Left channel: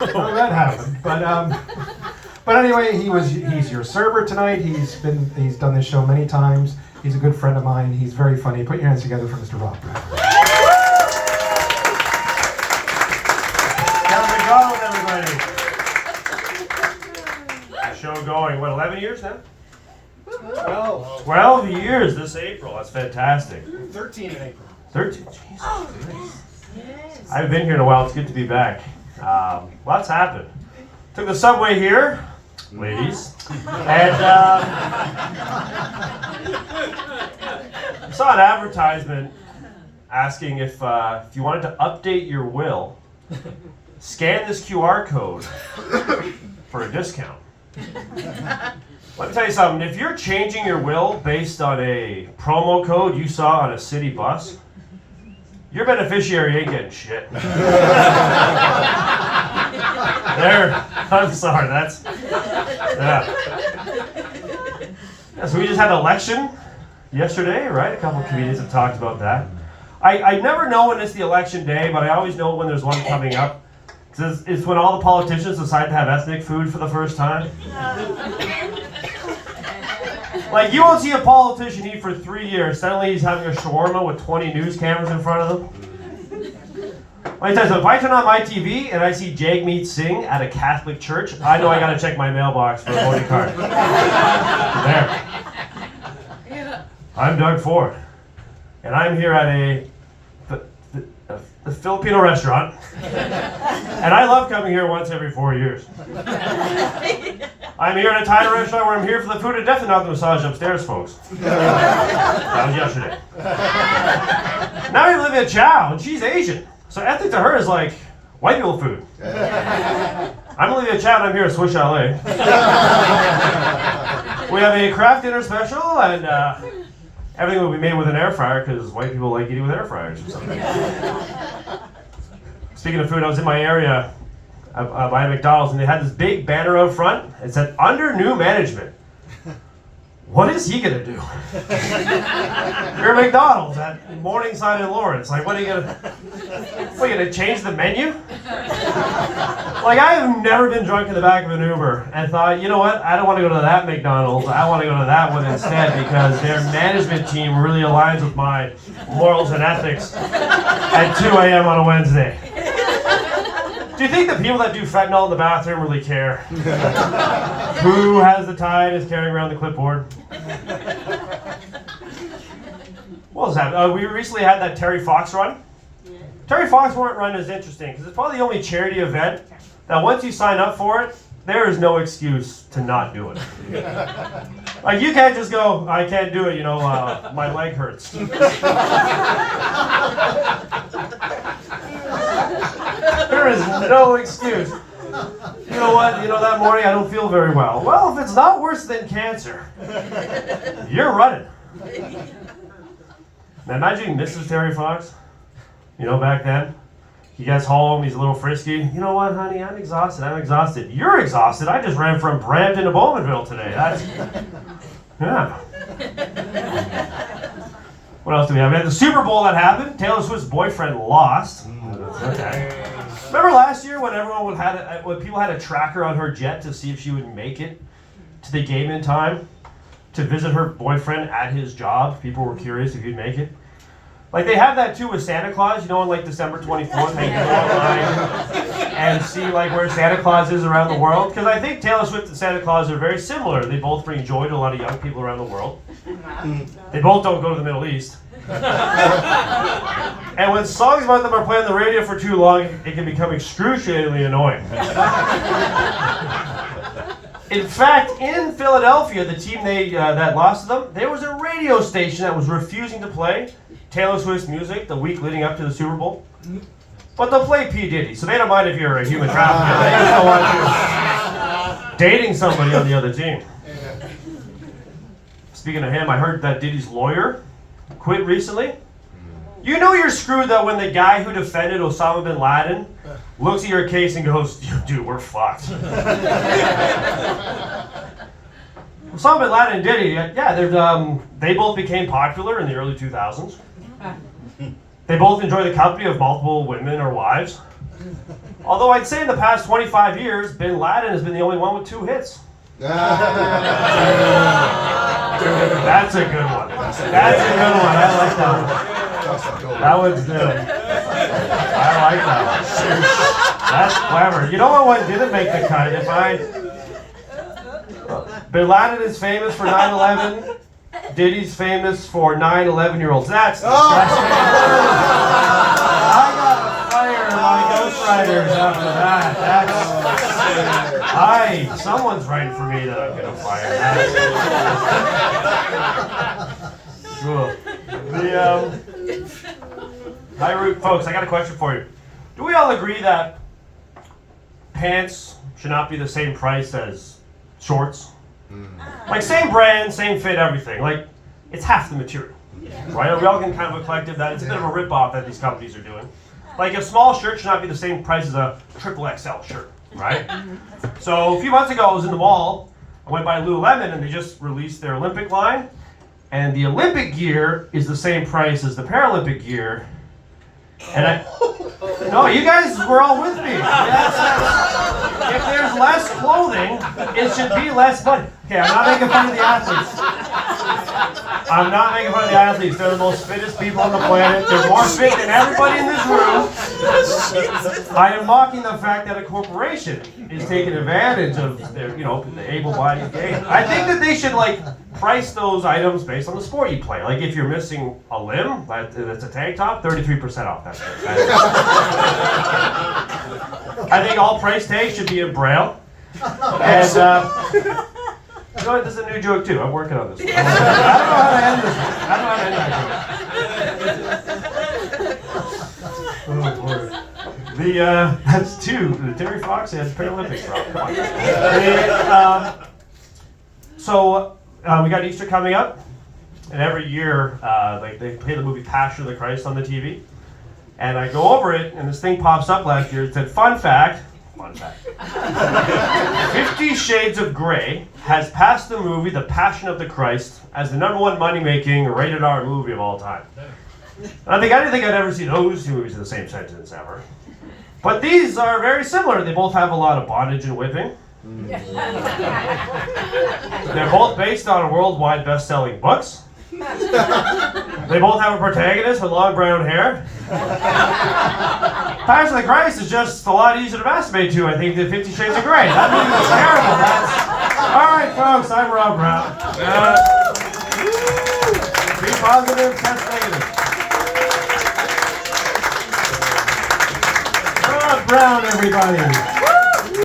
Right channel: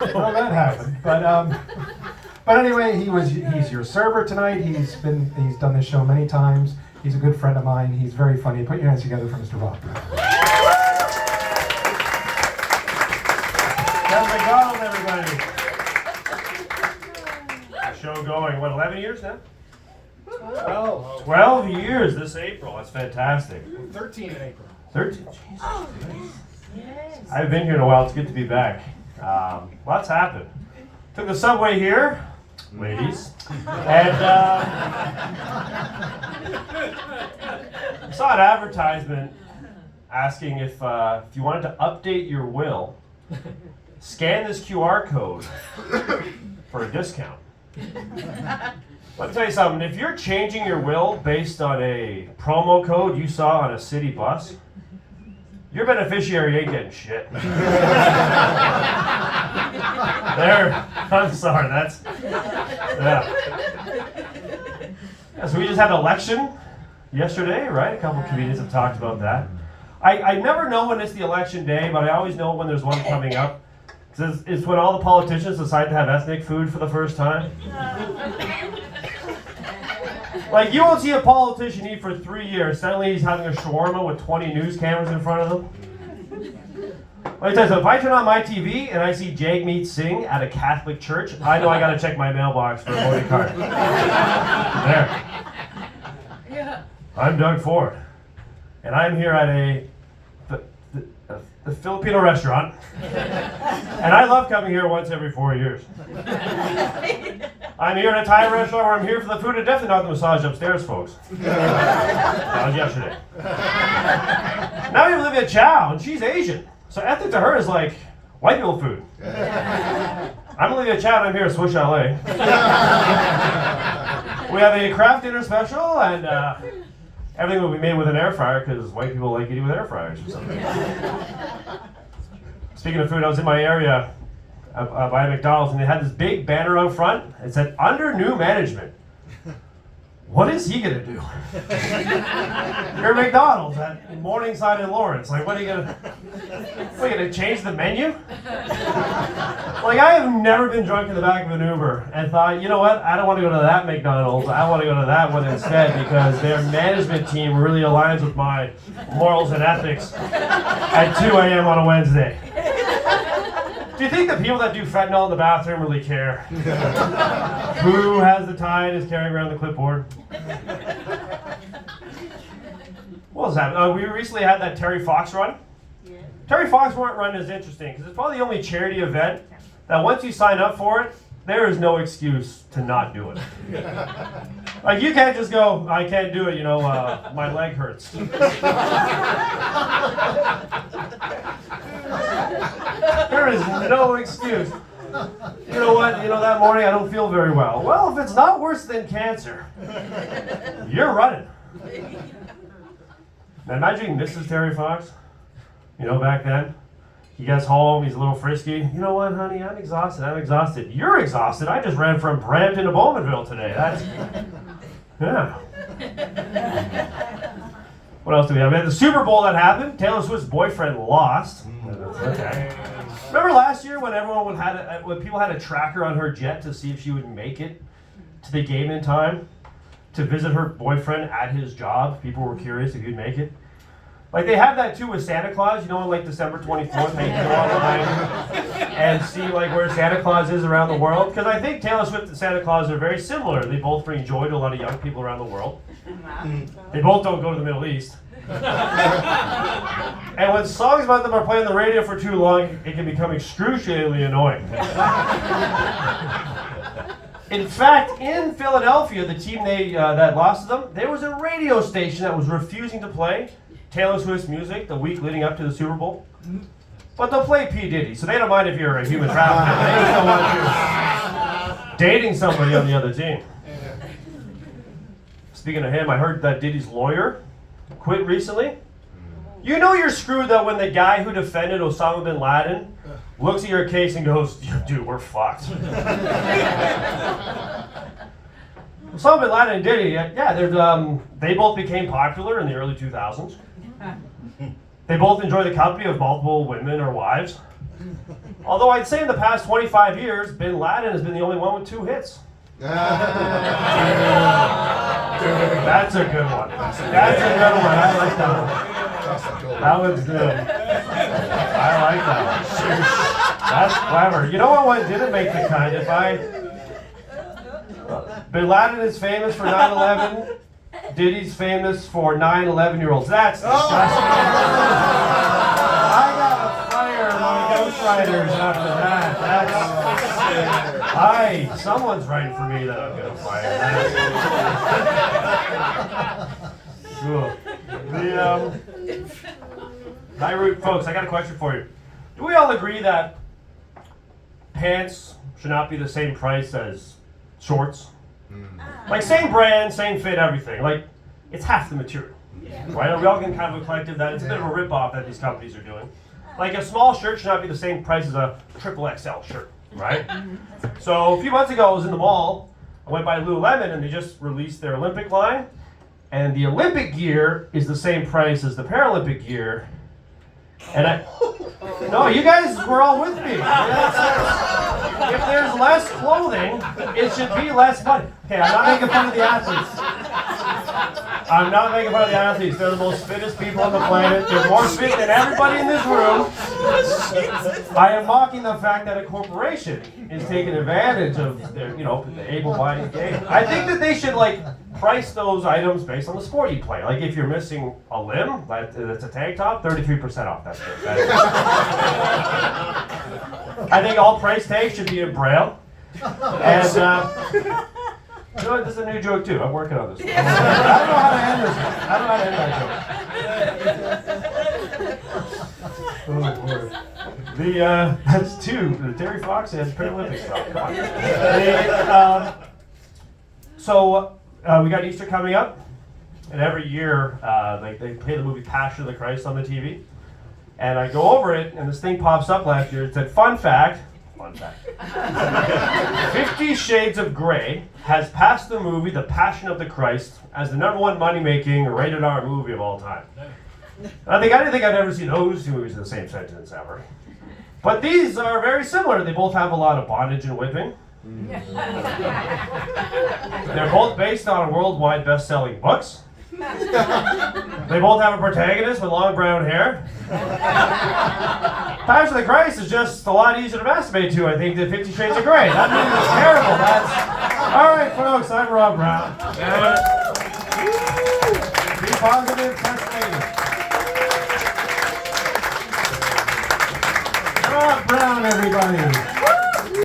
how that happened. But anyway, he's your server tonight. He's done this show many times. He's a good friend of mine. He's very funny. Put your hands together for Mr. Rob. Kevin McDonald, everybody. The show going, what, 11 years now? 12 years this April. That's fantastic. 13 in April. 13? Jesus. Yes. I've been here in a while. It's good to be back. Lots happened. Took the subway here, ladies, and saw an advertisement asking if you wanted to update your will, scan this QR code for a discount. Let me tell you something. If you're changing your will based on a promo code you saw on a city bus, your beneficiary ain't getting shit. There, I'm sorry, that's, yeah. So we just had an election yesterday, right? A couple of comedians have talked about that. I never know when it's the election day, but I always know when there's one coming up. It's when all the politicians decide to have ethnic food for the first time. Like, you won't see a politician eat for 3 years. Suddenly he's having a shawarma with 20 news cameras in front of him. Let me tell you something, if I turn on my TV and I see Jagmeet Singh at a Catholic church, I know I gotta check my mailbox for a voting card. There. I'm Doug Ford, and I'm here at a Filipino restaurant, and I love coming here once every 4 years. I'm here at a Thai restaurant where I'm here for the food and definitely not the massage upstairs, folks. That was yesterday. Now I'm Olivia Chow, and she's Asian, so ethnic to her is like white people food. I'm Olivia Chow, and I'm here at Swish LA. We have a craft dinner special, and everything will be made with an air fryer because white people like eating with air fryers or something. Speaking of food, I was in my area by McDonald's, and they had this big banner out front. It said, "Under new management." What is he gonna do? You're McDonald's at Morningside in Lawrence. Like, what are you gonna change the menu? Like, I have never been drunk in the back of an Uber and thought, you know what? I don't want to go to that McDonald's. I want to go to that one instead because their management team really aligns with my morals and ethics at 2 a.m. on a Wednesday. Do you think the people that do fentanyl in the bathroom really care? Who has the tie and is carrying around the clipboard? What was that? We recently had that Terry Fox run. Yeah. Terry Fox run is interesting because it's probably the only charity event that once you sign up for it, there is no excuse to not do it. Like, you can't just go, I can't do it, my leg hurts. There is no excuse. You know what? That morning I don't feel very well. Well, if it's not worse than cancer, you're running. Now imagine Mrs. Terry Fox, back then. He gets home, he's a little frisky. You know what, honey? I'm exhausted. You're exhausted. I just ran from Brampton to Bowmanville today. Yeah. What else do we have? We had the Super Bowl that happened. Taylor Swift's boyfriend lost. Okay. Remember last year when when people had a tracker on her jet to see if she would make it to the game in time to visit her boyfriend at his job? People were curious if he'd make it. Like, they have that too with Santa Claus, on like December 24th, they go online and see like where Santa Claus is around the world. Because I think Taylor Swift and Santa Claus are very similar. They both bring joy to a lot of young people around the world. They both don't go to the Middle East. And when songs about them are playing on the radio for too long, it can become excruciatingly annoying. In fact, in Philadelphia, the team that lost to them, there was a radio station that was refusing to play Taylor Swift's music the week leading up to the Super Bowl. But they'll play P. Diddy, so they don't mind if you're a human trafficker. They just don't want you dating somebody on the other team. Speaking of him, I heard that Diddy's lawyer quit recently. You know you're screwed though when the guy who defended Osama bin Laden looks at your case and goes, dude, we're fucked. Osama bin Laden and Diddy, they both became popular in the early 2000s. They both enjoy the company of multiple women or wives. Although I'd say in the past 25 years, Bin Laden has been the only one with 2 hits. That's a good one. That's a good one. I like that one. That one's good. I like that one. That's clever. You know what one didn't make the cut? Bin Laden is famous for 9/11. Diddy's famous for 9/11-year-olds. That's disgusting. I got fired my ghostwriters after that. Someone's writing for me that I'm gonna fire. Cool. Hi, Root folks. I got a question for you. Do we all agree that pants should not be the same price as shorts? Like same brand, same fit, everything. Like it's half the material, right? Are we all getting kind of a collective that it's a bit of a rip-off that these companies are doing? Like a small shirt should not be the same price as a XXL shirt, right? So a few months ago, I was in the mall. I went by Lululemon, and they just released their Olympic line, and the Olympic gear is the same price as the Paralympic gear. And no, you guys were all with me. If there's less clothing, it should be less money. Okay, I'm not making fun of the athletes. I'm not making fun of the athletes. They're the most fittest people on the planet. They're more fit than everybody in this room. I am mocking the fact that a corporation is taking advantage of their, the able-bodied game. I think that they should price those items based on the sport you play. Like if you're missing a limb, that's a tank top, 33% off. That's it. I think all price tags should be in Braille. And this is a new joke too. I'm working on this one. I don't know how to end this one. Oh boy. That's 2. The Terry Fox and Paralympics. So we got Easter coming up, and every year they play the movie Passion of the Christ on the TV. And I go over it, and this thing pops up last year. It said, fun fact, 50 Shades of Grey has passed the movie The Passion of the Christ as the #1 money-making rated R movie of all time. And I didn't think I'd ever see those 2 movies in the same sentence ever. But these are very similar. They both have a lot of bondage and whipping. They're both based on worldwide best-selling books. They both have a protagonist with long brown hair. Passion of the Christ is just a lot easier to masturbate to, I think, than 50 Shades of Grey. That movie was terrible. All right, folks, I'm Rob Brown. Be positive, test negative. Rob Brown, everybody.